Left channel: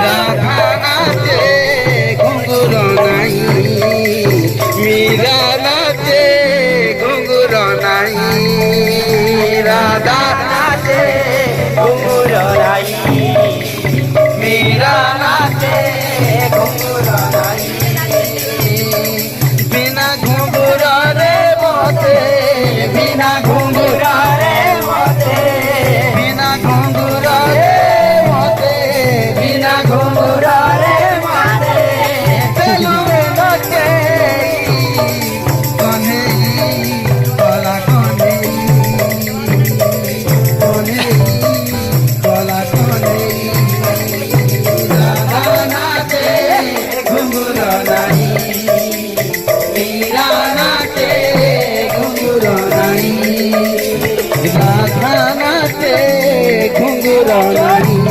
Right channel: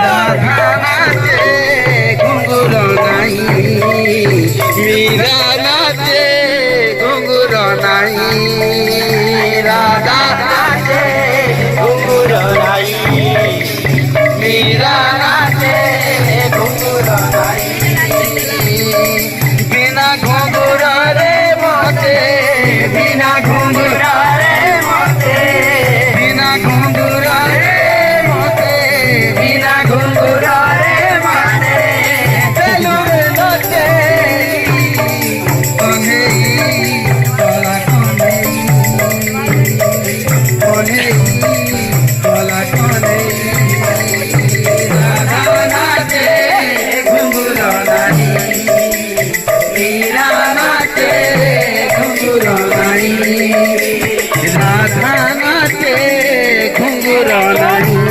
রাধা নাচে ঘুঙ্গুর নাই, মীরা নাচে ঘুঙ্গুর নাই, রাধা নাচে ঘুঙ্গুর নাই, মীরা নাচে ঘুঙ্গুর নাই, বিনা ঘুঙ্গুরে মতে, বিনা ঘুঙ্গুরে মতে, বিনা ঘুঙ্গুরে মতে, বিনা ঘুঙ্গুরে মতে, চলুরে নাচে কনেই কলা কনেই, কনেই কলা কনেই, রাধা নাচে ঘুঙ্গুর নাই, মীরা নাচে ঘুঙ্গুর নাই, রাধা নাচে ঘুঙ্গুর নাই।